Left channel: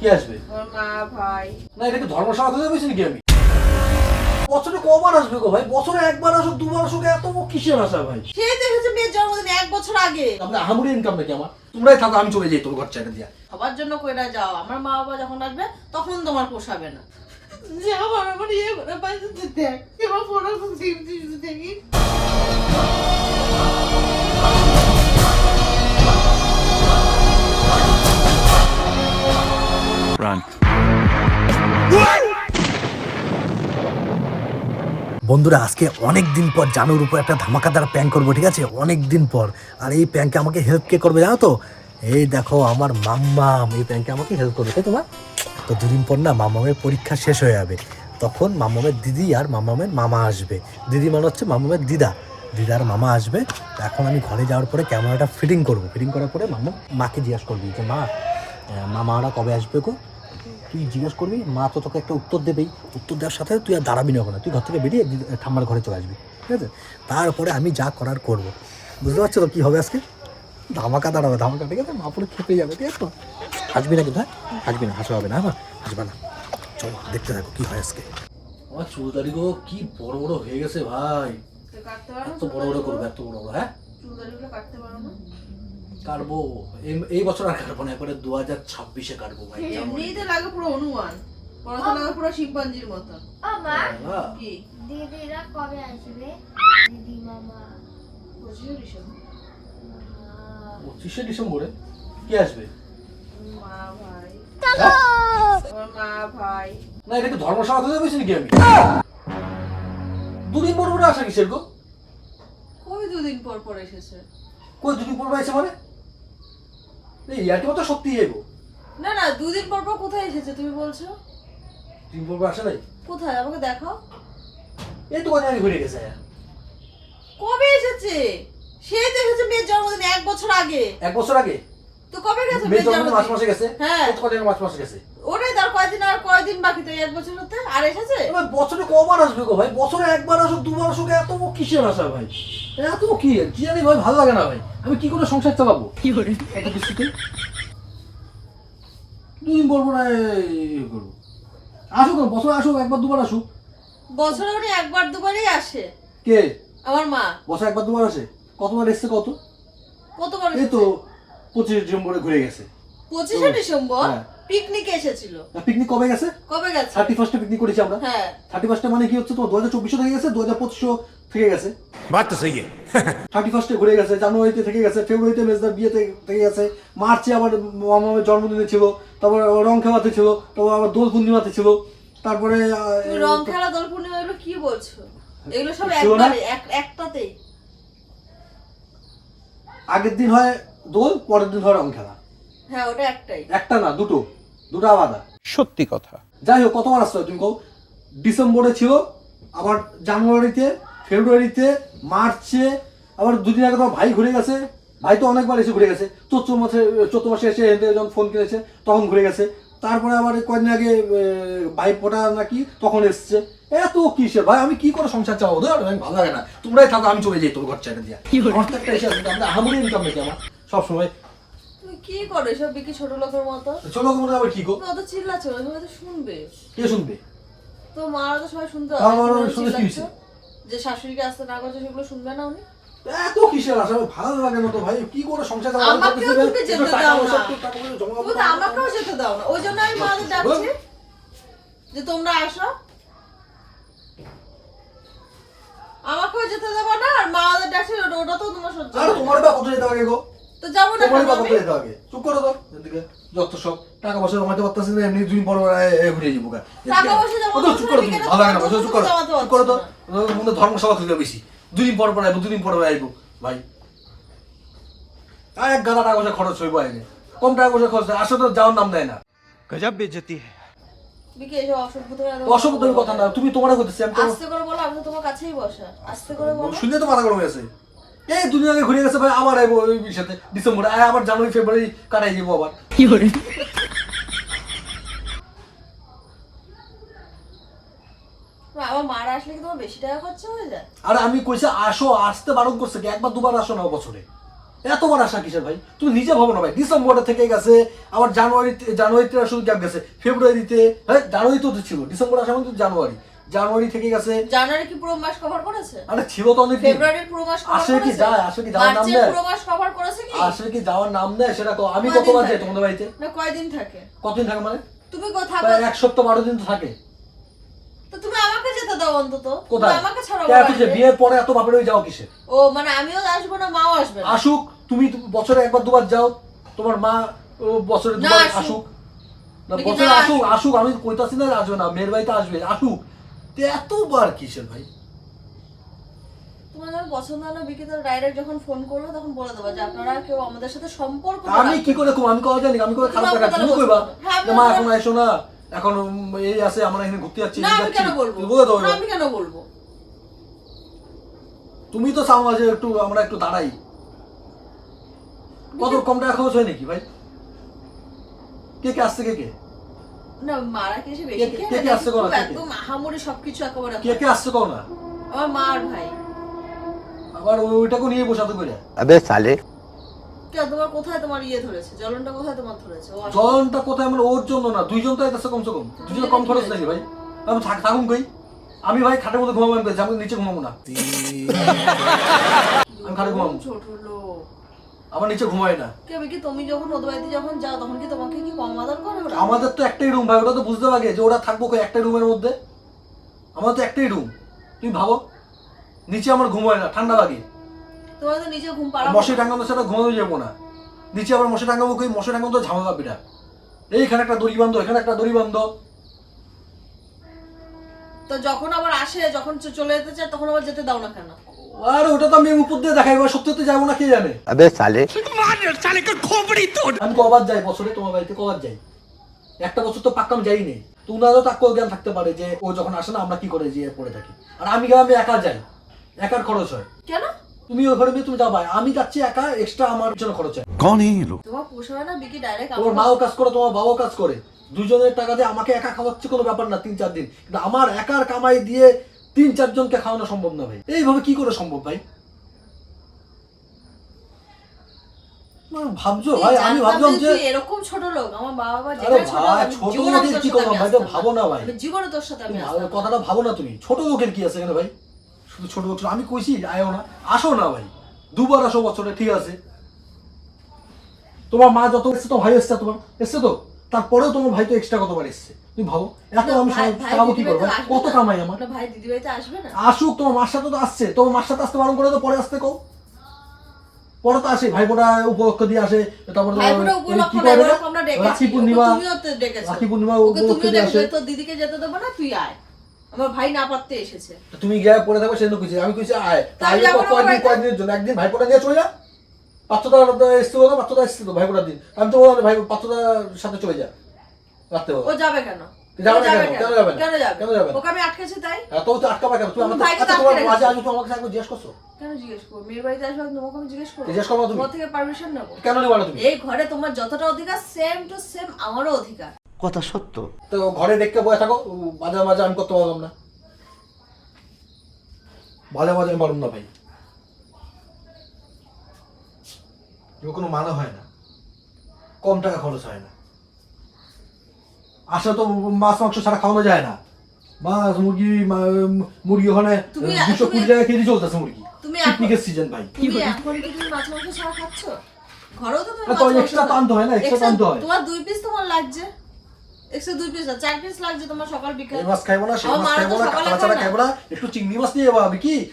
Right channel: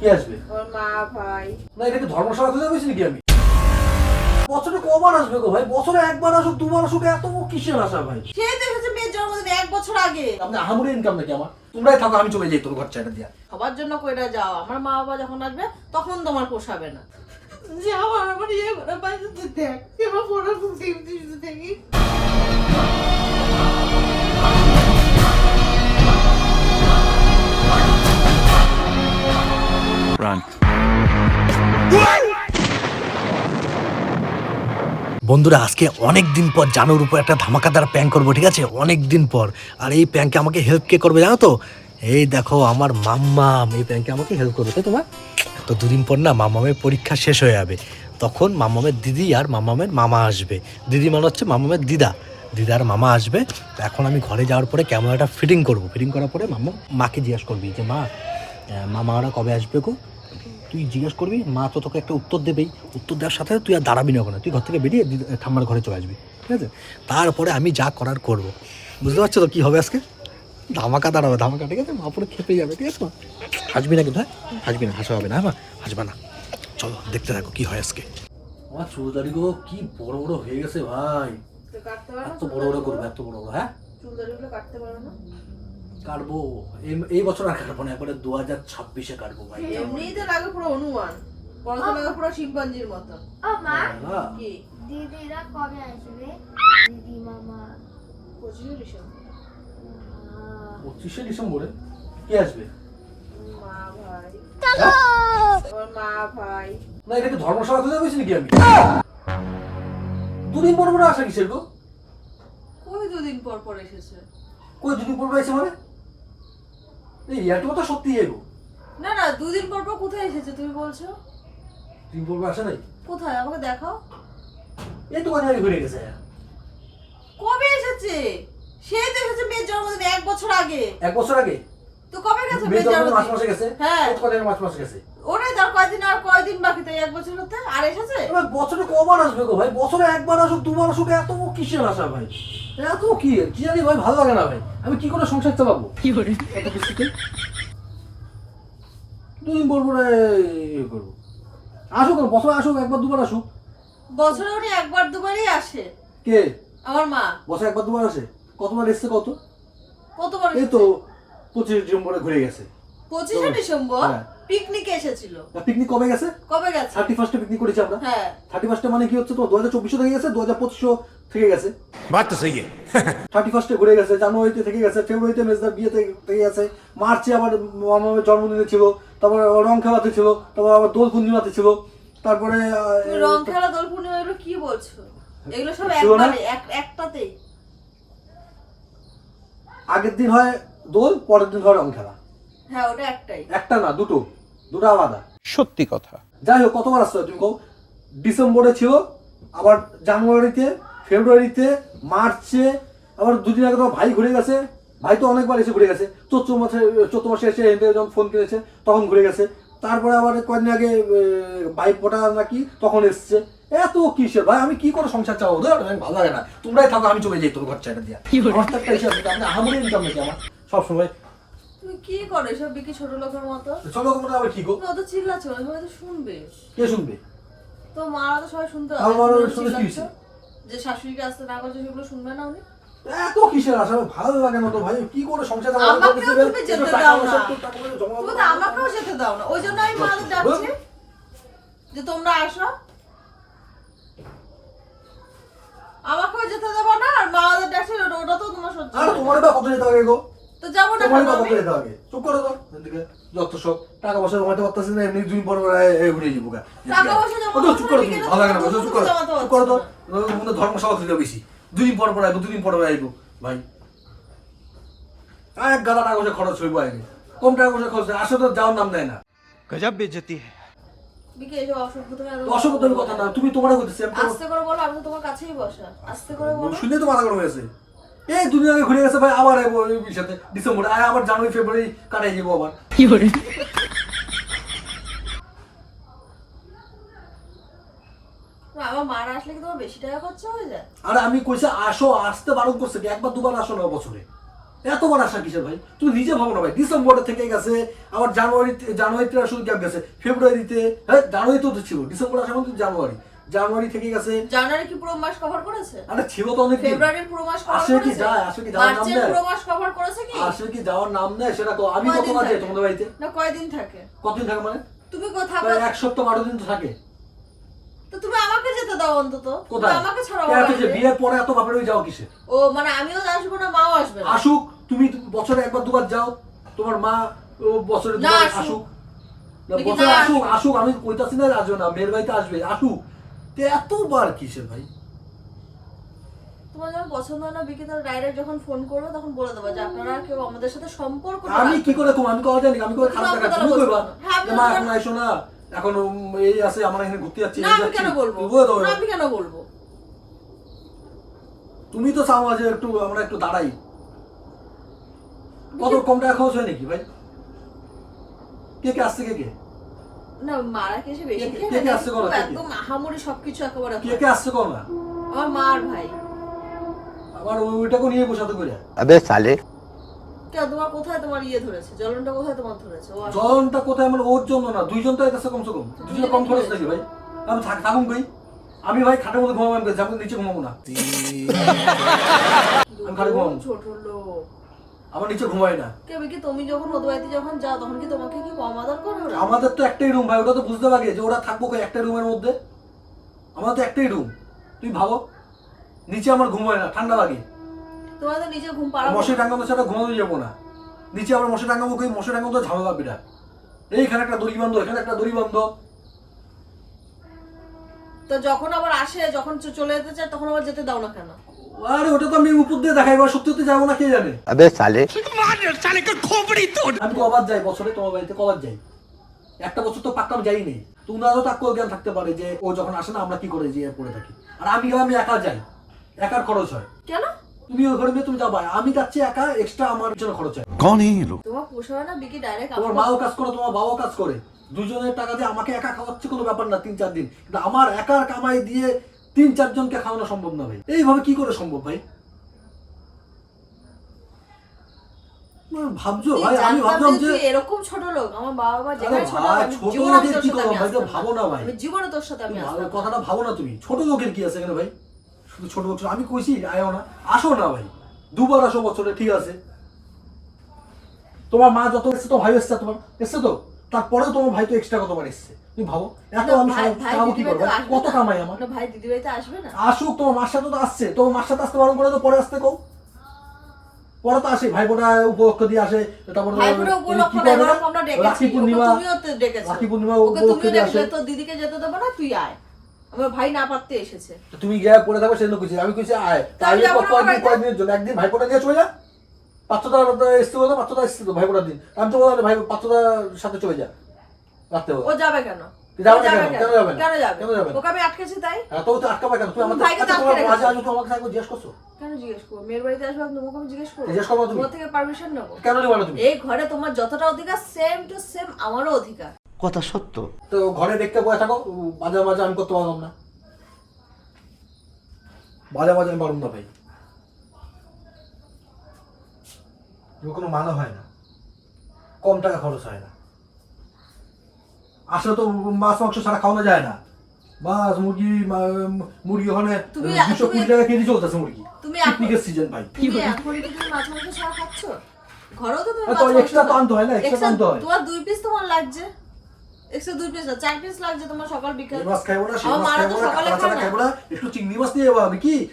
কে আসবে? ওর মা ভাই। না এটা কি ধর্মসভা থেকে কইছি নাকি আমি? বছরে কবার আসবে গো ভাই? বছরে একবার আসুক দুবার আসুক এত কিসের আশা ভাই? সেই তো এসেছে মেয়ের জন্মদিন 1 বছর আগে। আপনি আহামরি ইনকাম নাকি আমার? তোমরাই থাকো আমি চলে যাই তোর ঘর চাইটা দিয়া। সবার জন্য কইরা যাও, আমার মা বাবা যখন আসবে তখন তোমার পোষাবে না। যে আমার ইয়ে করে বাইরে দেখ এবার পড়া দিতে দেখি। Run. বন্ধুরা আজকে অনেক দিন পর জানুর উপর একটা ধামাকাদার প্র্যাঙ্ক করবো, ঠিক আছে? অনেক দিন পর। আর এই প্র্যাঙ্কে আমাকে হেল্প কে করবে জানো তো? এই দেখো আমার মাম্মাম এই প্র্যাঙ্কে আমাকে হেল্প করবে, তাই তোমার? তো দুদিন পর না মাম্মামের পরীক্ষা শেষ হয়ে যাবে, তখন মাম্মামের দিদি আর মাম্মামের মামা আসবে। দিদি মানে হচ্ছে মাম্মামের দিদা, দিদার মামা আসবে। এখন আমি ঘরে যাওয়ার পরে ক্যামেরাটা ফিটিং করবো, ফিটিং করার পরে মাকে জিজ্ঞাসা করবি যে মামারা কবে আসবে গো? তুই জিজ্ঞেস করবি, মা তো তোকে একটা উত্তর দেবেই। উত্তর দেওয়ার সাথে তুই আর দাঁড়াবি না ওখানে, তুই ঘর থেকে বেরিয়ে ঠাম্মার ঘরে চলে আসবি, ঠিক আছে? তারপরে আমি যা করার করব। বুঝতে পারছো তো কী হবে আজকে? ধামাকা দাঁড়াবে, ধামাকা, ঠিক আছে? মা পুরো খেপে যাবে, ঠিক আছে? তো হাসবি না কিন্তু, হ্যাঁ হাসবি না, হাসা হবে না, হ্যাঁ হাসবা না। চলো দেখতে থাকো কী হয় আজকে। আমার চুলদারি গো কি বড় বড় হয়ে গেছে ভাই। কাটতে পারো না? এত বড় বড় করবে, এত বড় বড়, হ্যাঁ চুলদারিগুলো কাটতে পারো না? কাটবো। এই বছর আর কাটবো না, একবারে 2026-এ কাটবো ভাই। এমনিতে লাগে পুরো অনুমান, পড়াশোনা লাগে পুরো শিম্পাঞ্জির মতো। ও মা, হ্যাঁ। কি দিদিরা কবে আসবে? দিদি মামা 25 ডিসেম্বর। 25শে ডিসেম্বরে কে আসবে? মা ভাই। হ্যাঁ? ওর মা ভাই। না এটা কি ধর্মসভা থেকে কইছি নাকি আমি? দুদিন পর পর আসে কিসের গো? ওই 2 দিন পর পর এসেছে। কই দুদিন পর পর আসে মানে? এই ইয়ার্কি মতো সত্যি এগো। না না 2 দিন পর পর কোথায় এসেছে তুমি বলছো? দুদিন পর পর আসে নাই? কোথায় আমাকে দেখাও। এই তো কদিন আগে ঘুরে গেছে। কবে এসেছে? সেই তো এসেছে মেয়ের জন্মদিন 1 বছর আগে। 1 বছর আগে? তো কবে গেছে মেয়ে মেয়ের তো মাস জন্মদিন? মাসে গেছে। হ্যাঁ। কত কদিন মাস মাসে গেছে? ওটাই তার কয়দিন আর কয়দিন বাকি তাই 1 বছর হতে আর এসেছে? এবার বছরে কবার আসবে গো ভাই? বছরে একবার আসুক দুবার আসুক এত কিসের আশা ভাই? এত কি কি জানি ভাই, ভালো লাগে না ভাই। আমি কি করে সংসার চালাবো? কি করে? এত কিছুতে দুদিন বলবো না করবো। আসুক না, বছরে আসুক একবার দুবার আসুক। বছরে উনি একবার দুবারই আসে। কে? আমার মা। বছরে একবার দুবার আসে? কতবার এসছে কত? কতবার এই এসেছে? তো 25 ডিসেম্বরে ঘুরে গেছে। 25 ডিসেম্বর হ্যাঁ। পিকনিকে এসেছিল। পিকনিক কবে গেছে? কবে গেছে? 31-এ পিকনিক করেছি আমরা। হ্যাঁ। 31-এ মানে কি হচ্ছে, তো 2024 থেকে গেছে, 2025 থেকে গেছে। बात तो सही है 31-এ ঘুরে গেছে, জানুয়ারিতে থেকে গেছে, ফেব্রুয়ারিতে মেজদার বিয়েতে থেকে গেছে, মার্চে আবার মামার জন্মদিনে ছিল, তারপরে রং খেলাতে ছিল, তারপর আবার দোল পূর্ণিমাতে ছিল, তারপরে তুমি রং খেলা দোল পূর্ণিমা এগুলো কি বলছো? এগুলো সব ছিল না? একবারে একটাতেই। আগের দিন হয় দোল, পরের দিন হয় রং খেলা। হ্যাঁ ওটা একটাই। একটা না, দুটো আলাদা। সত্যি কথা যাই হোক, কতবার আসতে হয় তুমি কও? ডিসেম্বরে ছিল, আবার জানুয়ারিতে, ফেব্রুয়ারিতে, মার্চে, আবার দুদিন আগে তোমার ভাই ঘুরে গেছে। ভাই তো অনেকবার এসে ঘুরে গেছে। চৈত্র মাসে এসে যখন ফোন কিনেছে তখন ঘুরে গেছে। তারপরে আবার কয়েকদিন আগে ভাই ফোটা নাকি তখন এসছে। এত কিসের ভাই? আমি কি করে সংসার চালাবো? ধর ভালো লাগে না, তোমরাই থাকো আমি চলে যাই তোর ঘর চাইটা দিয়া। আমার তো একটা হিসাব আছে, আমরা আহামরি ইনকাম নাকি আমার সবসময়? তুমি কি করো এসব বিকি ছোট লোকের মতো? ছোট মনে আবার কি গো? তুমি অত চিল্লাচ্ছ না, সবাই তো শুনবে। কে শুনবে? তো মারা তো সবাই শুনতে আমার মারা তুমি শুনলে কি চিল্লাচ্ছ? যে শাশুড়িকে আসতে না করছে সেগুলো শুনবে না উনি? এত কিসের আশা? ভালো লাগে না তো ভাই, কি করে সংসার চালাবো? আমাকেও তুমি যেতে দাও না। টাকা পয়সা জমাবো। তুমি তো আমাকেও যেতে দাও না, ওই জন্য আমি মাকে ডাকছি যে তোমরা আসো। আমাকেও যেতে দেবো না আর মা ওদের ডাকছে ওটা তো তোমার সহ্য আর হয় না। তোমার বা কত যেতে হবে গো? তো যাবো না তোমার কেন বা কত আমি? যেতে হবে? চুপ করো তো এদিকে। যত সব টাকা পয়সা জমাতে পারতাছিস না, এমনি দুদিন পর ঘুরে যাবো গা। টাকা পয়সা জমা ও তো চুপ করো, তুমি করতে ভালো লাগে না, হবে, চুপ করো, জমাতে চুপ করো তো। পারছি মনে ধর্মসভা থেকে বেশি দুদিন পর পর আইবো, দুদিন পর আইবো ভাই। এক গাদা টাকা পয়সা খরচ হইবো আগে, কম টাকা পয়সা খরচ হয়, আসলে তো যাওয়ার নাম দেয় না। गजब बेइज्जती है বিকে এসব অসভ্য থেকে অসভ্যতার কথা না, তুমি তোমার করতেছি, আমি আস্তে করে বলো, আমি তো তোমার কাছেই বসা। আস্তে করে বলো। শুনে তো মাথা গরম হয়েছে। এই দুদিন আগে ঘুরে গেছে ভাই, আবার আইবো ওই সাথে ডিসেম্বরে, আবার জানুয়ারি ফেব্রুয়ারি কাটাই যাবো আবার। কি করে? আমার মারা আসলে কি তোমার বেশি টাকা খরচা হয়ে যায়? আর আমি কইছে আসো, আসতে বারণ করছে কি? একবার দুবার আসো না বছরে। এতবার আশা কিসের ভাই? তুমি নিজে ভাবো না ভাই, ডিসেম্বরে থেকে গেছে, আবার জানুয়ারিতে শুধু গ্যাপ গেছে, ফেব্রুয়ারিতে, হ্যাঁ জানুয়ারিতে তো ছিল, ডিসেম্বর আসা মানে জানুয়ারি থেকে গেছে। জানুয়ারি কি পুরো মাস কভার করেছে? আরে ছিল তো অনেক। ফেব্রুয়ারির পুরো মাস কভার আসে কি করেছে? যায়, আসে কি যাওয়ার নাম মার্চের নেয়? পুরো মাস কভার করেছে কি? আসে কি যাওয়ার নাম নেয় সেটা তো। আমি কয়দিন কতবার যাই থাকে? তোমাদের বাড়িতে? না কয়দিন থাকে? কতদিন থাকে মানে? তুমি কোথাও প্রায় 1 সপ্তাহ 12 দিন তো থাকে। তো তুমি আমাকে যেতে দাও অন্তত। তুমি কোথায়? আমাকে ছাড়াও কে আছে যে বাড়িতে। বিয়ের পরে এত বাপের বাড়ি যাও কিসে? ও মানে আমিও আসবো না, মাও আসবে না। আসুক, তুমি বছরে একবার দুবার যাও, তোমার মা বছরে না, দুবার আসুক। আসুক। না দেখি বছরে না, আসুক, আসুক। আসুক, আমি কইতাছি না আসবে না, মেয়ের বাড়িতে আসবে, আসুক। তো এতবার কিসের ভাই? তোমার যখন পছন্দ হয় না বিকিতা ডাইরেক্ট যখন ফোন করবে তখন বলে দেবো যে আপনারা কেউ আমাদের সাথে সম্পর্ক আমি কি করে কম, আমি কথা জানি, আমি করে খারাপ টাকা তুমি কইবা হ্যাঁ, আমি যে মা বলবো। এখন আইসো না, এখন এই আছে আমার এখানে ঘুরতে যাচ্ছি, না এই আমি যাচ্ছি। কেন বলবো? তুমি বলে দাও না এবার। আমি কেন বলবো? তুমি তো চাও না যে একটু আমরা একটু দাঁড়াই। কত কম টাকা খরচ হয় নাকি ভাই? কে আসছে কে? না মারা কি এসে বেশি কে- খেয়ে কে নেয়? আসছে বলো, খুব কে কে? একদম আহামরি সবকিছু একেবারে কে করে। আসছে কও না? আমার মা আর ভাই। আবার ওইটাকে নিয়ে বসাতে করে। अबे साले কেন তোমার কোথায় তোমার ইয়ে ধরেছে? জ্বলনটা কোথায় তোমার ধরেছে? ও আসলে- জলটা কোথায় আমার ওর জন্য না, দুইজন তো আইতাছে কমসে কম। দুইজন কম খরচ নাকি ভাই? আমি থাকুন কই? আমি ভাই খাটের মধ্যে ঘুমাবো, আমি যাবো নিচে ঘুমাবো না। আমি খাটে ঘুমাবো। ছোট লোক। আমার নিচে ঘুমাই না। কে কি তুমি যখন ওদের বাড়িতে যখন যাও তখন কি তোমাকে কি কম আদর করে ওরা? আমাদের তো একটাই রুম ভাই, ওটা তো বুঝতে পারবে যে ওরা থাকবো কই একটা রুমের মধ্যে। আমাদের তো একটাই রুম, তুমি ভাবো। নিচে আমার ঘুম হয় না, ঠান্ডা লাগে। তোমার তো নিচে ঘুম পাড়াবো মশারি না। টাঙ্গানোর সাথে ঘুমাতে যাবো না। নিচে আবার মশারি টাঙ্গাবো কই? মশারি টাঙ্গানো তো ঝামেলা বিরাট। এইখানে একটা দড়ি বান্ধ, এখানে একটা দড়ি বান্ধ। তো যখন আবার আসে, যখন চলে যেতে চায় তখন আবার যেতে দাও না কেন? আর ওটা তো আমি উপর দিয়ে দেখাই, এবার সত্যি সত্যি যাবো না কে জানে। अबे साले আমি কবার যাই বছরে তোমার বাড়িতে, কবার যাই? একটা বছর তো পাক্কা আমি যাই নেই। তো উনারও তার জ্ঞান থাকতে পারে যে ও যখন আসে না আমরা কি করে যেয়ে পড়ে থাকি। আর আমি একা যাই, একার খরচ হয়। কেন? তুমি ওই ঘরে তুমি যাবা, আমি যাচ্ছি একা, এক্সট্রা আমার জন্য খরচ হয়। कौन है ये लोग তোমার পোষাবে না বিকি ডাইরেক্ট তোমার মাও কাজ করে, তোমার বাবাও কাজ করে, দুজনের টাকা দিয়ে আমাকে একা খাওয়াচ্ছে কোনো ব্যাপার না 3-4 দিন। কিন্তু আমার একার কামাই দিয়ে 3-4 জনকে খাওয়ানো সম্ভব না ভাই। এইভাবে কি করে সম্ভব ভাই? ভাবছো ভাই, আমি ভাবলাম যে এরকম ছোট লোক আমার বাবা আরে যেখানে ছোট ভাই, আমি ছোট জীবনে লোকের তোর কি সাথে করবো আমি ভাই? আসতাম তো ভাবো না ভাই। আমি জীবনে তোর সাথে আমি তুমি আসতাম না। কথাটা ভাবো না তুমি। ছোট লোকের কি আছে এখানে ভাই? শুধু ছোট লোক, আমি কইছি আয়ো না, আসো না ভাই, দুবার আসো বছরে, ঠিক আছে। তোমার মা যত এসছে, তো ভাই এসছে, তোমার এসছে তো, তারপরেও তোমার ভাই তো এক্সট্রা কতবার এসছে, তুমি ভাবো। এত না, আমি ভাই- ভাই খাবো কি দিদিভাই করবো? তো আসবে কত না। কামাই আমার? না, ভাই দিদিভাই তো আসবে না। আসুক, তোমার মার সাথে তো আসছে, তোমার মার সাথে আসতে বারণ করে তো পরে আসতে কও। পরে তো আসে, ভাই বোনা উপলক্ষ দিয়ে আসে, তারপর ভাইবোনের কি উপলক্ষ করে না, না? এবার আমরা ডেকেছি। রাখি পূর্ণিমা, ওকে তুমিও তো ডেকেছো। রাখি পূর্ণিমা ওকে উপলক্ষে তুমিও দিয়ে আসে। ডেকেছো, তো দিদিকে যেতে দেবো না, তুই আয়। আমার ভাই না পারতে এসেছে। তো তুমি গিয়ে পড়ে থাকো, সেজন্য কইছি, আমি কইছি আয়। তাই যাবো না বাড়িতে। কয়েকদিনের জন্য, একদিন ভাইপোটা নিয়ে চলে যা। পাত্রটা এসছে বলো, পাত্রটা এসছে তো ভাইপোটার দিন। আমি তো বললাম ভাই পাত্রটার সাথে চলে যা রাখতে বলো। ও যাবে কেন? যাবে ও না কেন? কেন যাবে না? কেন যাবে? কেন যাবে না? ওকে আমি আটকেছি তাই? তো আটকাবা কেন? তুমি তুমি আমাকে ভাইকে তো আটকে রেখেছো। মাঝে আসো, তোমাকে একবার জিজ্ঞেস করছো? কেন জিজ্ঞেস করবো? মেয়ের বাড়িতে আসবে তোমাকে আমি জিজ্ঞেস করবো? জিজ্ঞেস করবো তুমি? তোমার থেকে পারমিশন নেবো? কেন নিবা না তুমি? এই ঘরে তোমার যতটা অধিকার সেম টু সেম আমারও অধিকার। কথা সত্য তো ঘরে দেখতে বসে থাকো, মাঝে মাঝে আমি করতে পারলাম না। মাঝে মাঝে আমি পারলাম না ভাই। কোনো মানে হয় না, কম টাকা খরচ হয় না। আসলে তো মাছ মাংস ছাড়া খাওয়ানো যায় না। মাছ মুরগি ওখানে তুমি- 220 টাকা কেজি চলতেছে মুরগি। তুমি পিকনিকের সিজন ভাই। তুমি এখন কি তুমি মাছ মাংস ছাড়া খাচ্ছ? ঘরেও তো তুমি তো এক্সট্রা তো আনতে হয় না, এক্সট্রা আনতে হয়। তোমার 2 পিস তোমার লাগছে। এক্সট্রা 2 পিস না, 4 পিস লাগছে তোমার সকাল বিকাল। এই মাছ খাইবো না, সেই আমার মাছ মারা খাইবো তো না, সকালে কাঁচা ছাড়া খায় না। খাইবো না, একটু চিংড়ি মাছ নিয়ে যাবো। আমি কি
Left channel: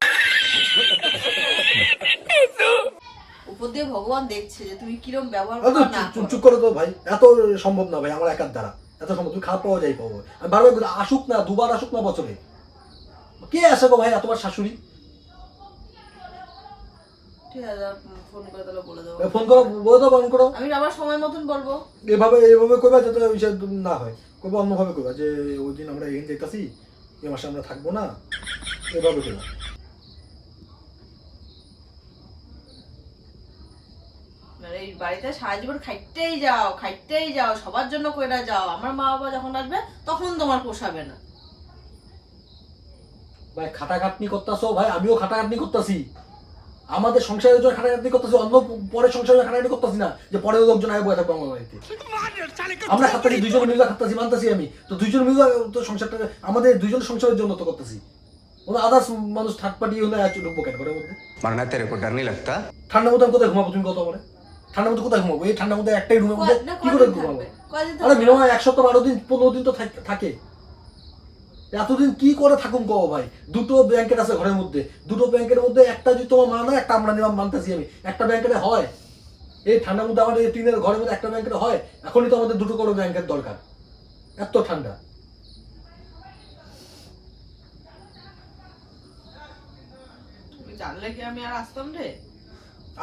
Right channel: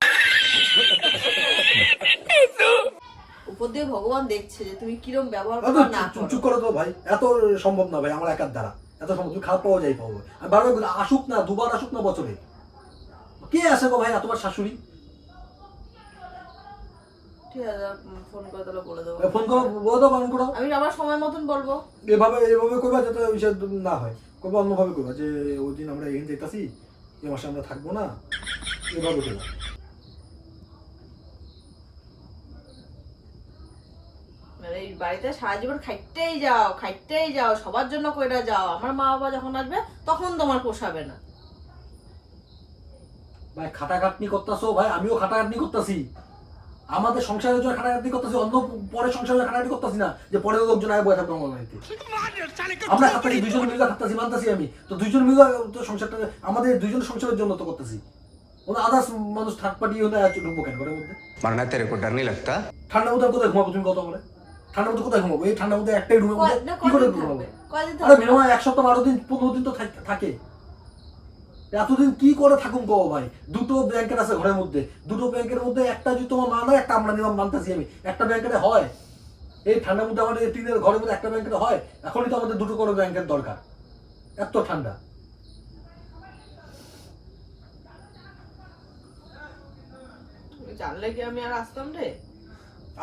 উপর দিয়ে ভগবান দেখছে যে তুমি কিরম ব্যবহার আরে করো না চুপ করো। চুপ করে তো ভাই, এত সম্ভব না ভাই আমার একার দ্বারা। এত সম্ভব তুমি খারাপ পাওয়া যাই পাবো। আমি বারবার বলি, আসুক না, দুবার আসুক না বছরে। কে আসে গো ভাই তোমার শাশুড়ি? ঠিক আছে, ফোন করে তাহলে বলে দেবো। ফোন করো, বলে দাও, ফোন করো। আমি আবার সময় মতন বলবো। এভাবে কইবা যাতে সে না হয়। কইবা অন্যভাবে কইবা যে ওই দিন আমরা এখানে যেতেছি, এই মাসে আমরা থাকবো না, এভাবে কইবা। মানে এই বাড়িতে সারা জীবন খাইতেই যাও, সবার জন্য কইরা যাও। আমার মা বাবা যখন আসবে তখন তোমার পোষাবে না। ভাই খাটাখাটনি করতেছো ভাই, আমিও খাটাখাটনি করতেছি। আমাদের সংসারের জন্য খাটাখাটি করতেছি, অন্য পরে সংসারের খাটাখাটি করতেছি না যে পরের লোকজন আয় বয়ে থাকবো আমার বাড়িতে। আমরা খাচ্ছি দুজন মিলে খাচ্ছি, মানতেছি আমি তো, দুজন মিলে তো সংসারটা আমাদের দুজন সংসারের জন্য তো করতেছি। কোনো আদার্স মানুষ থার্ড পার্টি হলে ঢুকবো কেন ঘরের মধ্যে? मरना तेरे को डर नहीं लगता? ঠান্ডা মধ্যে কোথায় ঘুমাবো তুমি কত বলে? ঠান্ডা মধ্যে কোথায় ঘুমাবো? এই ঠান্ডার মধ্যে একটাই রুমের মধ্যে কি করে ঘুমাবো? আরে মিনিমাম 1 সপ্তাহ 12 দিন 15 দিন তো থাকে। এতদিন কি করে থাকুন গো ভাই? দুটো ব্ল্যাঙ্কেট আছে ঘরের মধ্যে, দুটো ব্ল্যাঙ্কেটের মধ্যে একটা যদি তোমার মা নয়, একটা আমরা নিলাম, মানতেছি আমি, একটা ব্ল্যাঙ্কেটে হয়? এই ঠান্ডার মধ্যে আমাদের এই টিনের ঘরের মধ্যে একটা ব্ল্যাঙ্কেটে হয়? এখনই তো আমাদের দুটো করে ব্ল্যাঙ্কেট দরকার, এত ঠান্ডা। জানলে কি আমি আর আসতাম রে?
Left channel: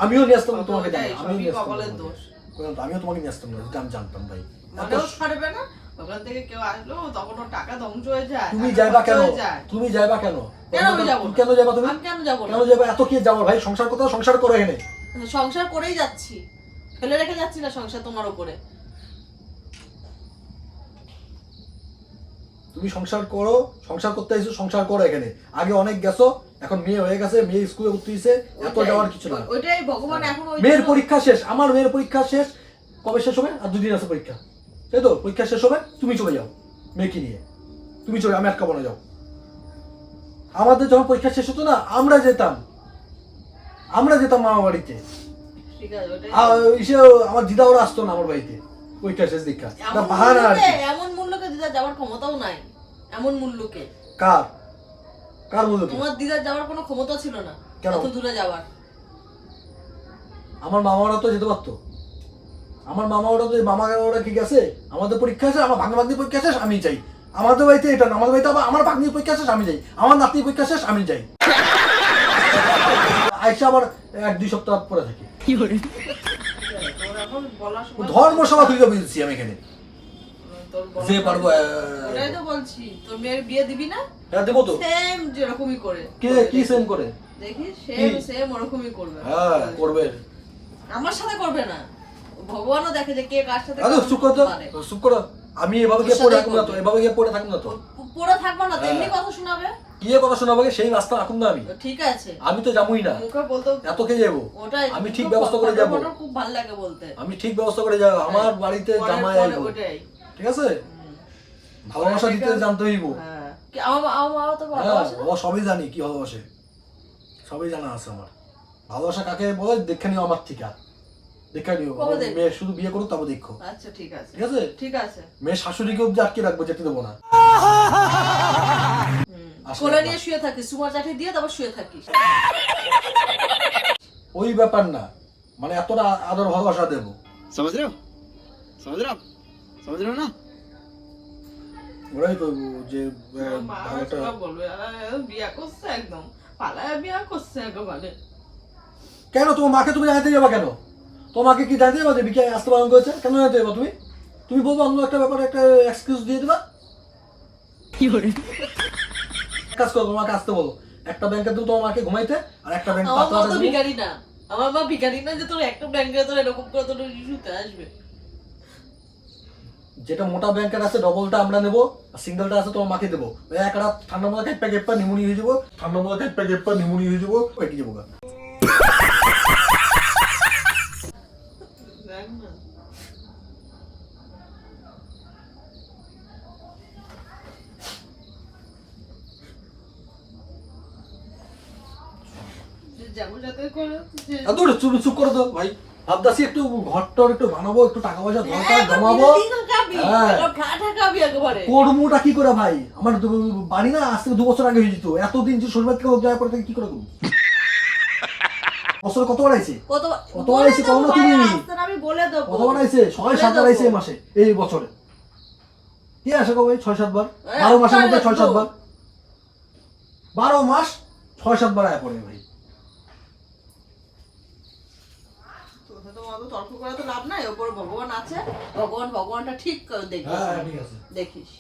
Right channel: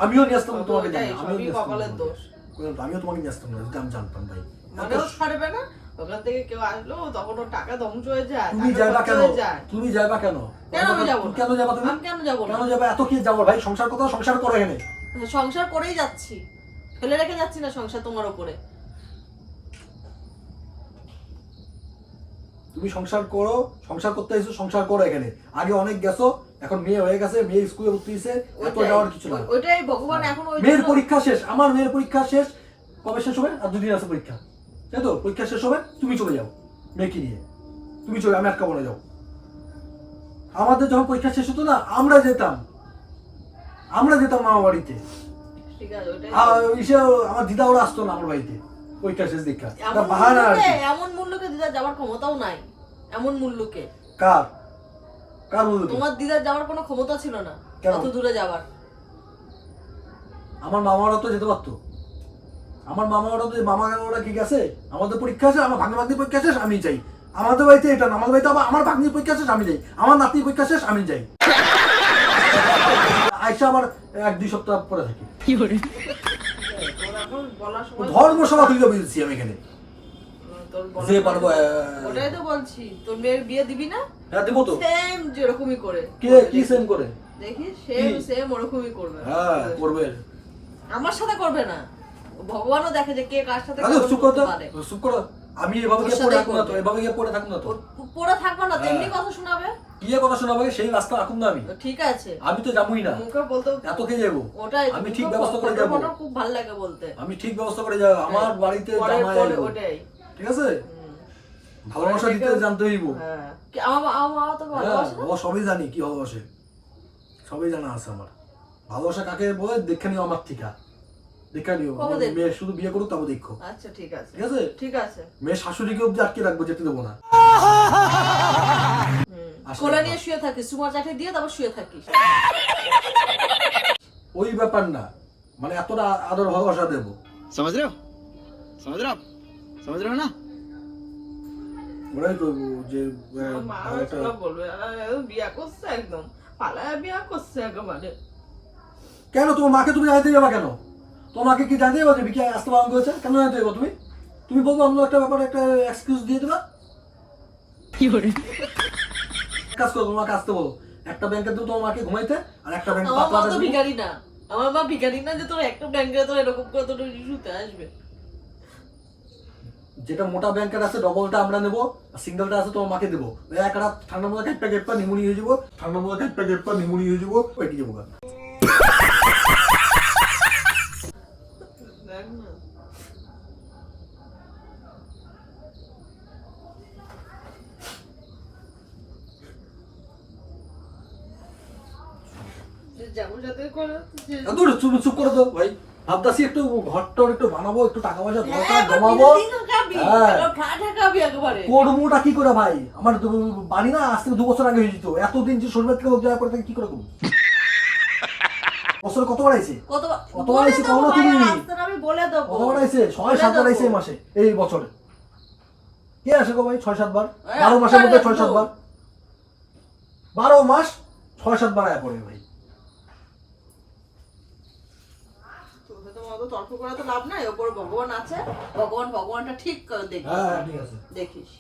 আমিও নিয়ে আসতাম তোমাকে, ওটাই, জানি, আমিও সবই নিয়ে আসতাম কপালের তোমাকে। দোষ। আমিও তোমাকে নিয়ে আসতাম না, আমি জানতাম ভাই। মানেও ছাড়বে না, ওখান থেকে কেউ আসলো তখন ওর টাকা ধ্বংস হয়ে যায়, তুমি টাকা যাইবা খরচ কেন? হয়ে যায়। তুমি যাইবা কেন? কেন আমি যাবো না? কেন যাবা তুমি? আমি কেন যাবো না? কেন যাবা? এত কি যাবো ভাই? সংসার কথা, সংসার করো এখানে। সংসার করেই যাচ্ছি, ফেলে রেখে যাচ্ছি না সংসার তোমার উপরে। তুমি সংসার করো, সংসার করতে আইছো, সংসার করো এখানে। আগে অনেক গেছো, এখন মেয়ে হয়ে গেছে, মেয়ে স্কুলে ভর্তি হয়েছে, এত যাওয়ার কিছু না। ওইটাই ভগবান এখন ওই মেয়ের জন্য- পরীক্ষা শেষ, আমার মেয়ের পরীক্ষা শেষ, কবে শেষ হবে? আর 2 দিন আছে পরীক্ষা, তাই তো? পরীক্ষা শেষ হবে, তুমি চলে যাও মেয়েকে নিয়ে, তুমি চলে, আমি আটকাবো না, যাও। আমাদের যখন পরীক্ষা শেষ হতো না, আমরা যেতাম মামা বাড়িতে। ঠিক আছে, ওইটাই। আমার দিদা ওরা আসতো না আমার বাড়িতে পরীক্ষা শেষ দীক্ষা, এমন বাহানা আর কি। এমন মূল্যকে দিদার যাওয়ার ক্ষমতাও নাই, এমন মূল্যকে। কার কার বলতো? তোমার দিদার যাওয়ার কোনো ক্ষমতা ছিল না, কেন? অত দূরে যাওয়ার। আমার মামারা তো যেতে পারতো, আমার মামা ওরা তো, মামা ওরা কি গেছে, আমাদের পরীক্ষা শেষ, আমার ভাগ্নি পরীক্ষা শেষ, আমি যাই। আমাদের বাড়িতে এটা না, আমার বাড়িতে আবার আমার ভাগ্নির পরীক্ষা শেষ, আমি যাই। আমার নাতির পরীক্ষা শেষ, আমি যাই। আইসা আবার 1-2 সপ্তাহ পরে থাকি। তোর এখন বলার সময় ধর্মসভা থেকে বেরিয়েছি আমি এখানে, তোর বলার যে সময়- পারবো। ওটাই তো বলছি, তোর মেয়ের বিয়ে দিবি না? হ্যাঁ দেবো তো। সেম যেরকমই করে কে কি সেম করে? দেখি, সেম কি? সেম ওরকমই করবে। হ্যাঁ করবে। আমার সাথে করবে না, ভগবানও দেখে যে কে কার সাথে আরে কেমন চুপ করো তো, করতে পারে। চুপ করো। আমি এভাবে ওর গিয়ে সাথেই পড়ে থাকবো না তো, করবে। এভাবে গিয়ে পড়ে থাকবো না তো। পড়ে থাকবো না তো, এমনি হ্যাঁ। কথা শোনাবে। কি কথা শোনাবো? সেই রাস্তা রাখুন না আমি, ঠিক আছে, আমি তো যাবোই না, মুখে বলতে এত কে যাবো? ওটাই, আমি মুখে ঠিক ব্যবস্থা করে যাবো। ফটো খুব ভালো লাগে বলতে। আমি ঠিক ব্যবস্থা করে যাবো, আমার বাড়িতে পরে জামাই পরে আইবো, ওটাই। ঠিক আছে? হুম। ভালোবাসা দিতে জানতে হইব। হ্যাঁ। কি আমার মা তো ভালোবাসে না? ও সবই জানি কি ভালোবাসে, সবই জানা আছে আমার। ভালোবাসা কাকে বলে দেখে নিও আমার থেকে, দেখে নিও। কবে দেখবে? মেয়ে শুধু বিয়ে করুক তারপর দেখো, আচ্ছা ঠিক আছে, ঠিক আছে? ঠিক আছে। মেয়ে শাশুড়িকে অব্দি আটকে রাখবো, যেতে দেবো না। আসলে কোলা বাবা। নিয়ে শুয়ে থাকিস, সুমা চাটি দিয়ে তারপর শুয়ে থাকিস। ওই ব্যাপার না, মানে এতটা আদর ভালোবাসা দেবো। समझ रहे हो समझ रहे हो ना? ওরাই করবো যে মা ভালোটা। সব বলবে বিয়া করছে, একদম পালায়া বিয়া করছে একেবারে। কেন তোমার মাকে তুমি জানাতে যাবা কেন? তোমার মাকে কি জানতে যাবা যে বিকে আসতে পালন করেছে? কেন জানতে যাবা তুমি? তুমি বলবো অন্য একটা ব্যাপারে একটা এক্সকিউজ দিয়ে দেবা। এক কাজ করো, তোমাকে আসতে বলো, একটা ব্যাংকে দেবো তোমার মাকে ঘুমাইতে, আর একটা ব্যাংক আমার মা তো ভিখারি না, আমার মা ভিখারি না যে তোর একটা ব্যাংকে তোর এরকম করে তোর ইস্যুতে আসবে। যেটা মোটা ব্যাংকের আছে ডবলটা আমরা নেবো, আর সিঙ্গেলটা আছে তোমার মাকে দেবো। ওই একটা ঠান্ডা মধ্যে কেটপা কেটপা নিমুনি হয়ে যাবো, ঠান্ডা মধ্যে কেটপা কেটপা নিমুনি হয়ে যাবো, পেটে যাবো। দেখ না। যে যেমন যাতে করে যে- এত চুপ চুপ করে দাও ভাই, ভাবতাছি একটু ঘরটর একটু বানাবো, একটু টাকা পয়সা দরকার জমাবো। বিল্ডিং খাবি, হ্যাঁ। একটা ফ্ল্যাট খাবি একেবারে। করবোটা কি করে ভাই? আমার বাড়ি না আজ থেকে 2 বছর আগে হয়ে যেত, এতদিন যে শরীর থেকে হোক যাওয়ার পর থেকে কি করে করবো? বছর কত বাড়াইছে? কত বাড়াইছে কম না তুমি? আমি বলে দেবো। কত বাড়াইছে? 6-7 বাড়াইছে এই মাসে, এই বছরে। কে আসে গো ভাই 6-7 বার? 12 মাসের মধ্যে 6-7 বার, 12 মাস 6-7 বার আয়া পড়ে ভাই। তোকে তো অত তর্ক করে তো লাভ নাই, ওপরে ভগবান আছে, ভগবানটা ঠিক করে দেখবি। হ্যাঁ ঠিক আছে। দেখিস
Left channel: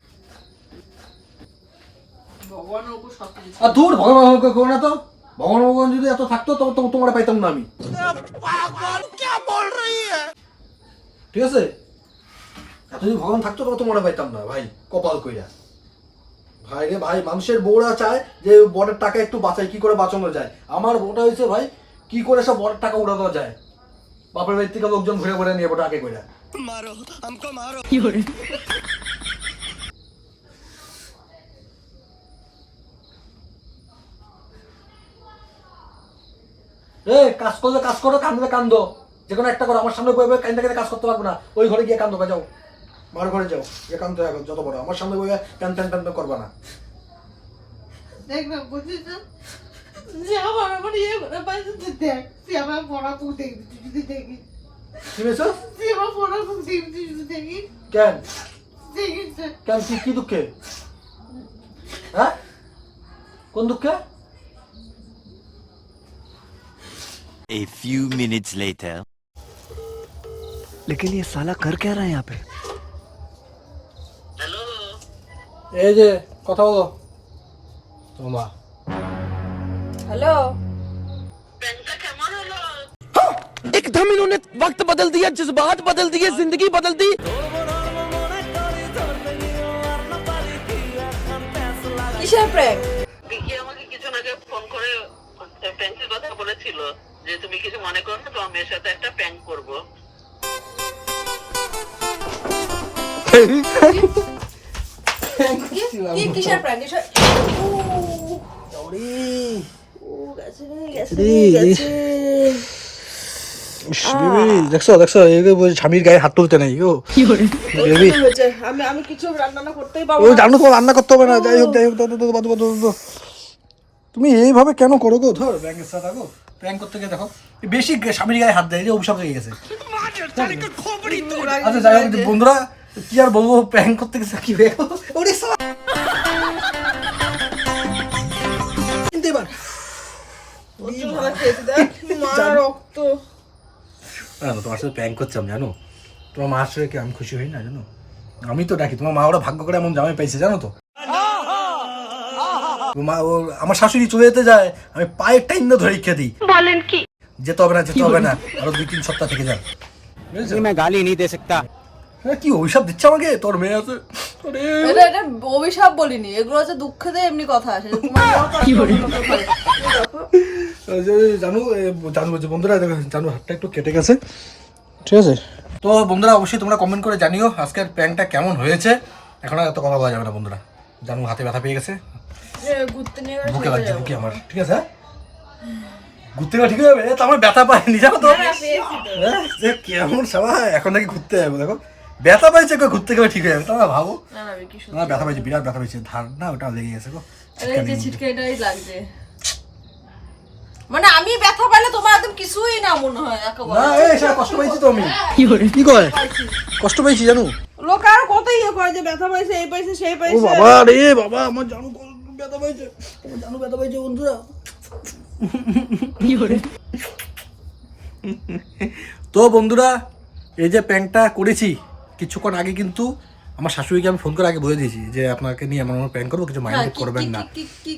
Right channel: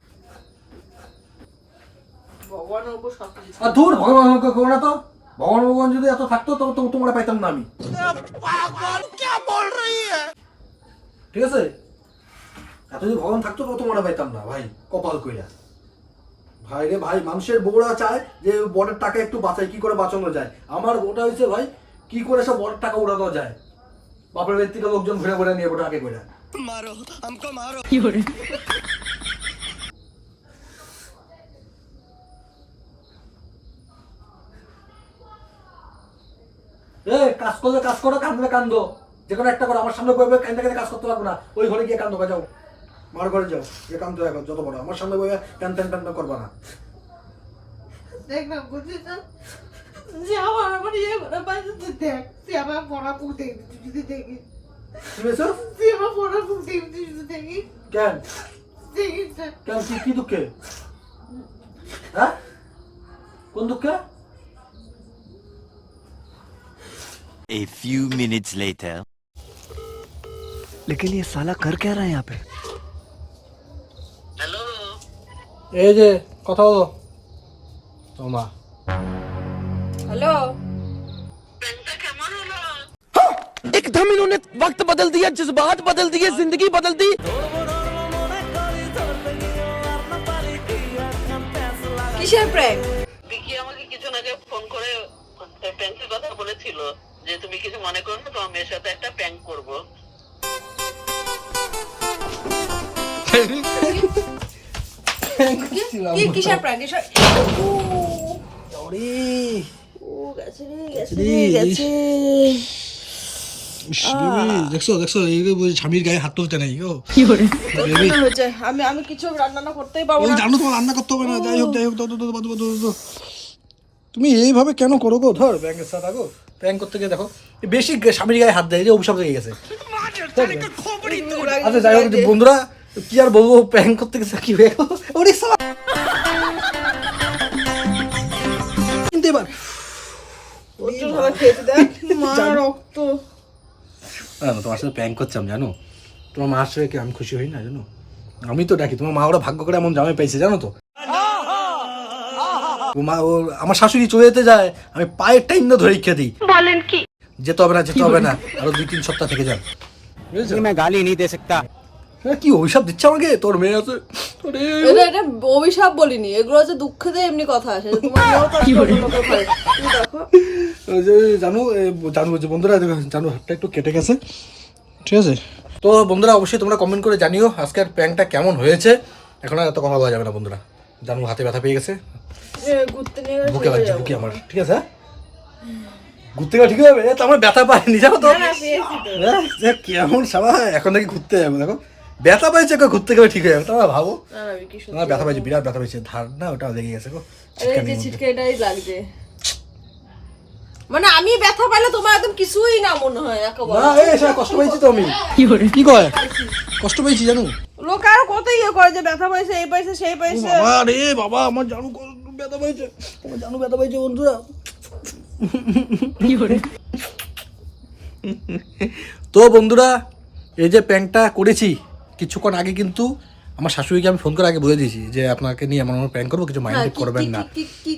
ভগবানের উপর সবকিছু। আর দূর ভগবান করো না তো, ভগবান যদি এত থাকতো তবে তো তোমরা পাইতাম না আমি। ঠিক আছে, এত যদি ভগবান থাকতো তবে তোমরা পাইতাম না ভাই, কপাল কইরা। ভাই রে ভাই, মানুষের বউরা চায় যে বড়ের টাকা একটু বাঁচায়, কি করে বাঁচানো যায়। আমার বউটা হয়েছে ভাই কি করে সব বড় টাকা উড়া দেওয়া যায়। বাপের বাড়ির থেকে লোকজন ঘুরে ঘুরে নিয়ে ওটা আগে করে। কি করে কাজ করলে কাজ করো, কান্দলে কান্দো, যে কোনো একটা করো। আমার সামনে বই বই কান্দে কান্দে কাজ করতে পারবো না। ওই ঘরে গিয়ে কান্দো, যাও মার ঘরে যাও, গিয়ে কান্দতে থাকো যত বড়। আমার সামনে বই কান্দতে করবা না। দেখ না বুঝিস না যে আমার ইয়ে করে পাইছে তুই দেখ, তুই আমার পড়া পুঁতে যদি দেখি, কি হয়েছে? তুই আমার পড়া পুঁতে যদি দেখি, কেন দেখিস না কেন কি দুঃখে? হ্যাঁ কোন দুঃখে? A few minutes later. लेकिन ये साला कर क्या रहा है यहाँ पे? এই যে কথা বলো তোমা। হ্যালো एकदम इन्होंने वक्त बदल दिया, जज्बात बदल दिए, जिंदगी बदल दी। কিসের প্র্যাঙ্ক? বিকি আমাকে কিছু আগে ফোন করে প্র্যাঙ্কের কথা বলেছিল যে তুমি কিছু মনে করো না, তোমার মেয়ের সাথে একটা প্র্যাঙ্ক করবো। কিসের প্র্যাঙ্ক? দেখছো দেখছো স্বামীর গায়ে হাত তুলতে নাই গো। কি করে বেবি আমি কিছু রান্না করতেই পারবো ও না। জানো তোমার রান্না করতে হবে না। যাই হোক তুমি এইভাবে কেন করো গো? ধর ব্যাংকের সাথে গো প্র্যাঙ্ক করতে গিয়ে দেখো বেশি স্বামীর গায়ে হাত দেয়, এই যে অভিশাপ লেগে গেছে। আচ্ছা যাই হোক বন্ধুরা, কি আর বলবো, প্র্যাঙ্ক করতে গেছে কি হয়ে গেল। ওরে শালা কিন্তু এবার রক্ত তোমার সাথে প্র্যাঙ্ক করছিলাম জানো। তোমার মার সাথে কি আমি খুশি হই না জানো? আমি তো ডাকি তোমার মা, ওরা ভাগ্য করে এমন জামাই পাইছে জানো তো। মা ও আমার শাশুড়ি চলে যেতে যায়, আমি পায়ের টাইম ধরে রেখে দিই। বলেন কি? যেতে হবে না যেতে হবে না, আরো 2-3 সপ্তাহ থেকে যান। मैं गाली नहीं दे सकता। কি অভিশাপ দিচ্ছে আমাকে তোর মেয়ে আছে। এটা অভিশাপ বলিনি, এগুলো হচ্ছে দুঃখেতে এমনি কথা আসে। জানু জানু বলছে বন্ধুরা, জানু হাতটা একটু কেটে গেছে, ঠিক আছে? তো বন্ধুরা অবশ্যই তোমরা কমেন্ট করে জানিও আজকের প্র্যাঙ্কটা কেমন হয়েছে। এখন আর এত কথা বলা যাবে না বন্ধুরা, জানু হাতে ব্যথা পেয়ে গেছে, ঘুরতে নিয়ে বুকে লাগছে, বুকে আমার, ঠিক আছে? ঘুরতে গেলে ঠিক হয়ে যাবে, তো আমার ব্যথা পাইনি জানো তো। কেমন সবাই এখন নাকি ঘুরতে যাবো, দেখো ব্যথা পাইছে, ঘুরতে গেলে ঠিক হয়ে যাবে। তোমরা ভাবো আমার ব্যথা পাইছে, বিরাট ব্যথা পাইছে, ধার না ওটা লেগে গেছে গো। ছিটকাটাই লাগছে, মানে আমি ব্যথা পাইলে তোমার একদম কিছুই না মনে হয় একেবারে। না এই সব কষ্ট পাইছি তো আমি। কি করে কষ্ট পাইছি জানো? লোক আর কত ইয়ে করে যে ব্যথা পাইছে, এই পাইছে সেই ও পাইছে। বাবা রে বাবা, আমার জানু ব্যথা পাইছে, আমার জানু ব্যথা পাইছে বন্ধুরা। তো বন্ধুরা এই যে প্র্যাঙ্কটা করেছি কিছুক্ষণ আগে, কিন্তু আমার শাশুড়িকে আমি ফোন করে আগে বলে দিয়েছি যে আপনাকে নিয়ে এমন এমন প্র্যাঙ্ক করবো, কিছু মাইন্ড করবেন না।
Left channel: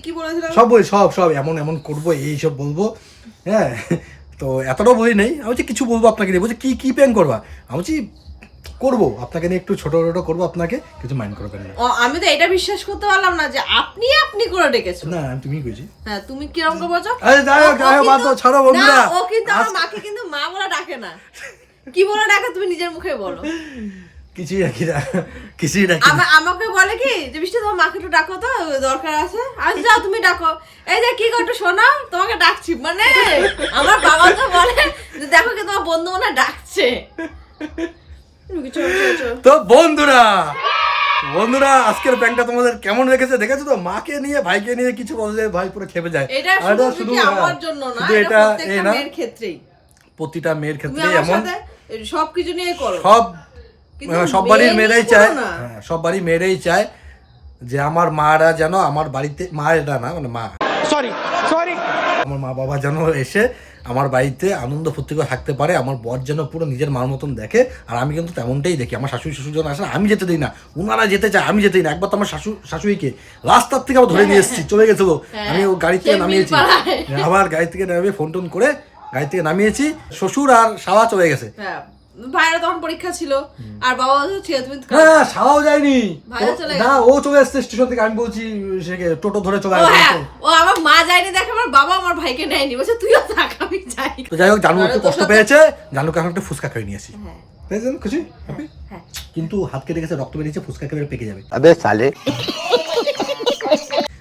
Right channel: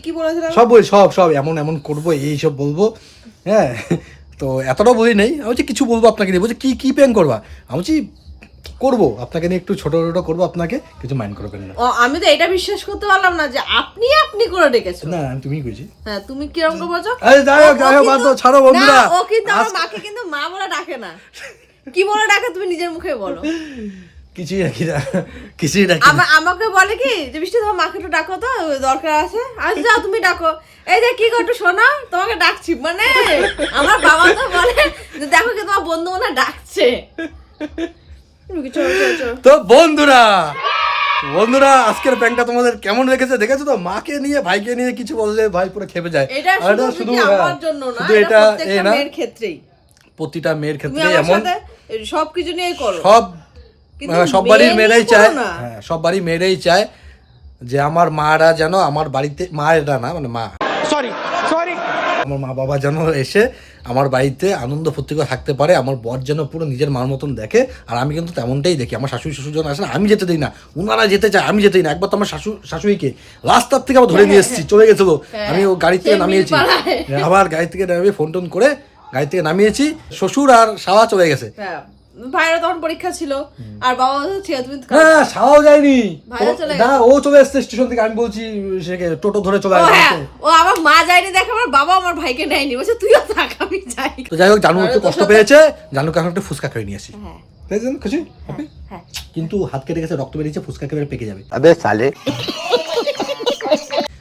কি বলেছিলাম? সব বলি, সব এমন এমন করবো, এই সব বলবো। হ্যাঁ তো এতটাও বলি নেই, আমি বলছি কিছু বলবো আপনাকে নিয়ে। বলছি কি প্র্যাঙ্ক করবা? আমি বলছি করবো আপনাকে নিয়ে, একটু ছোট ছোট করবো, আপনাকে কিছু মাইন্ড করবেন না। আমি তো এটা বিশ্বাস করতে পারলাম না যে আপনি করে ডেকেছো। না আমি তুমি কইছি। হ্যাঁ তুমি কিরকম করে বলছো? আরে যাই হোক বাদ দাও, ছাড়ো বন্ধুরা। ও কিন্তু আমার মাকে কিন্তু মা বলে ডাকে না। কি বলে ডাকে তুমি নিজের মুখে বলো। কিছুই রাখি না, কিছুই রাখি না। আমাকে বলে কি যে বৃষ্টি তোমার মাকে একটু ডাকো তো, দরকার আছে। আচ্ছা যাও তুমি ডাকো। এই যে কি করতে শোনা, তোমাকে ডাকছি। মানে আমার বাবা তো বলে যে দেখো কি তোমার বন্ধু মনে ডাকছে। তো বন্ধুরা আজকের প্র্যাঙ্কটা তোমাদের কেমন লেগেছে দেখেছো তো? মাকে নিয়ে ভাইকে নিয়ে কিছু বললে ভাই পুরো খেপে যায়। এটা শুধু আমার জন্য না, এটা প্রত্যেকটা মেয়ের ক্ষেত্রেই, প্রতিটা মেয়ের তুমি ক্ষেত্রে আমার এমন। সাথে সবকিছু নিয়ে করো, সব বাড়ির মেয়েরাই চায়, না। হ্যাঁ সব বাড়ির মেয়েরাই চায় যে আমার মারা যেন আমার বাড়িতে, মা এটা না মানে মা, सॉरी আমার মা বাবা যেন এসে আমার বাড়িতে আনন্দ ফুর্তি করে থাকতে পারে, আমার বর যেন পুরো নিজের মার মতন দেখে। আর আমি কিন্তু তেমনটাই দেখি। আমার শাশুড়ি শ্বশুর যখন আসে না, আমি যেতে দিই না, ওনারা যেতে চায়, আমি যেতেই না। একবার তো আমার শাশুড়িকে রাস্তার থেকে আবার ধরে নিয়ে এসেছি, চলে গেছিল, আমি ও গাড়ি থেকে নামিয়েছি, আবার গাড়ি থেকে নামিয়ে ফোন টোন করে গাড়ি থেকে নামিয়েছি, শ্বশুর আর শালা চলে গেছে। ভাইয়ের তখন পরীক্ষা ছিল আর বাবা ছিল, তুমি হ্যাঁ সারাও যায়নি, ভাইরা চলে না ও চলে এসছে স্টেশন থেকে, আমি বলছি সে টোটো ধরে চলে ও হ্যাঁ, আসছে। ও আমার মা যায়নি দেখে আমার বাবা আমার ভাইকে নেয়নি, বলছে তুইও থাক আমি যাই। তো যাই হোক জানু একটু কষ্ট পেয়েছে, জানুকে এখন একটা ফুচকা খেয়ে নিয়ে আসি। হ্যাঁ পেয়েছেন খুশি? Happy? হ্যাঁ কিন্তু হাত কেটে গেছে, রক্ত বেরিয়েছে, ফুচকা খেয়ে পেকে যাবে। अबे साले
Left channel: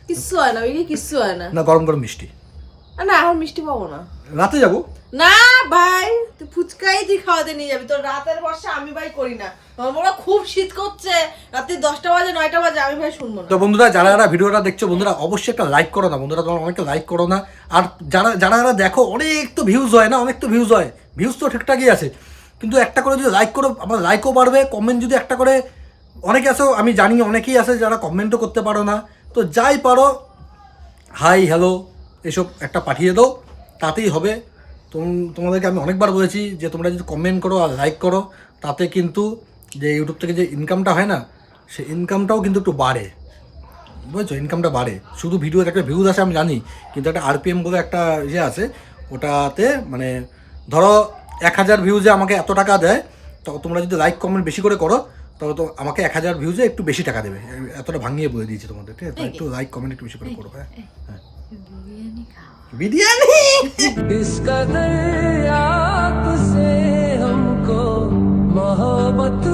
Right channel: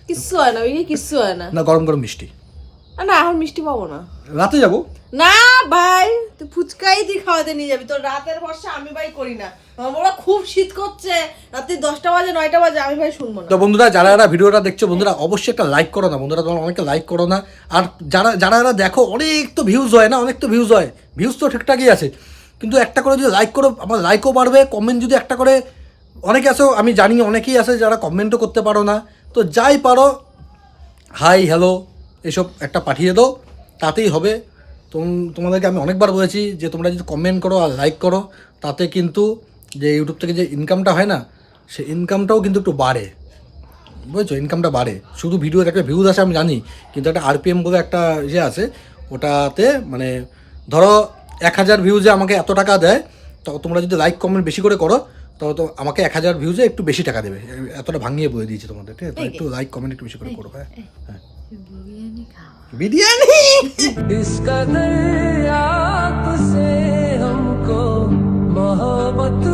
কিচ্ছু হয় না, ওই কিচ্ছু হয় না। না গরম গরম মিষ্টি, না এখন মিষ্টি পাবো না। রাতে যাবো। না ভাই তুই ফুচকাই তুই খাওয়াতে নিয়ে যাবি, তোর রাতের বর্ষা আমি ভাই করি না। আমার বাবা খুব শীত করছে, রাত্রি 10টা বাজে 9টা বাজে, আমি ভাই শুনবো না। তো বন্ধুরা যারা যারা ভিডিওটা দেখছো বন্ধুরা অবশ্যই একটা লাইক করো না বন্ধুরা, তোমরা অনেকে লাইক করো না। আর যারা যারা যারা দেখো অনেক তো ভিউজ হয় না, অনেক তো ভিউজ হয়, ভিউজ তো ঠিকঠাকই আছে, কিন্তু একটা করে যদি লাইক করো আমার লাইকও বাড়বে, কমেন্ট যদি একটা করে, অনেকে আছো আমি জানি অনেকেই আছে যারা কমেন্টও করতে পারো না, তো যাই পারো হাই হ্যালো এসব একটা পাঠিয়ে দাও, তাতেই হবে। তোমাদেরকে আমি অনেকবার বলেছি যে তোমরা যদি কমেন্ট করো আর লাইক করো তাতে কিন্তু যে ইউটিউব থেকে যে ইনকামটা হয় না, সেই ইনকামটাও কিন্তু একটু বাড়ে, বুঝেছো, ইনকামটা বাড়ে। শুধু ভিডিওর একটা ভিউজ আসে আমি জানি, কিন্তু একটা আরপিএম বলে একটা ইয়ে আছে, ওটাতে মানে ধরো 1000 ভিউজে আমাকে এত টাকা দেয়, তো তোমরা যদি লাইক কমেন্ট বেশি করে করো তবে তো আমাকে 1000 ভিউজে একটু বেশি টাকা দেবে, এতটা ভাঙিয়ে বলে দিয়েছি তোমাদের, ঠিক আছে? তো একটু লাইক কমেন্ট একটু বেশি করে করো। হ্যাঁ হ্যাঁ বিরিয়ানি इसका दरिया से हमको मोहब्बत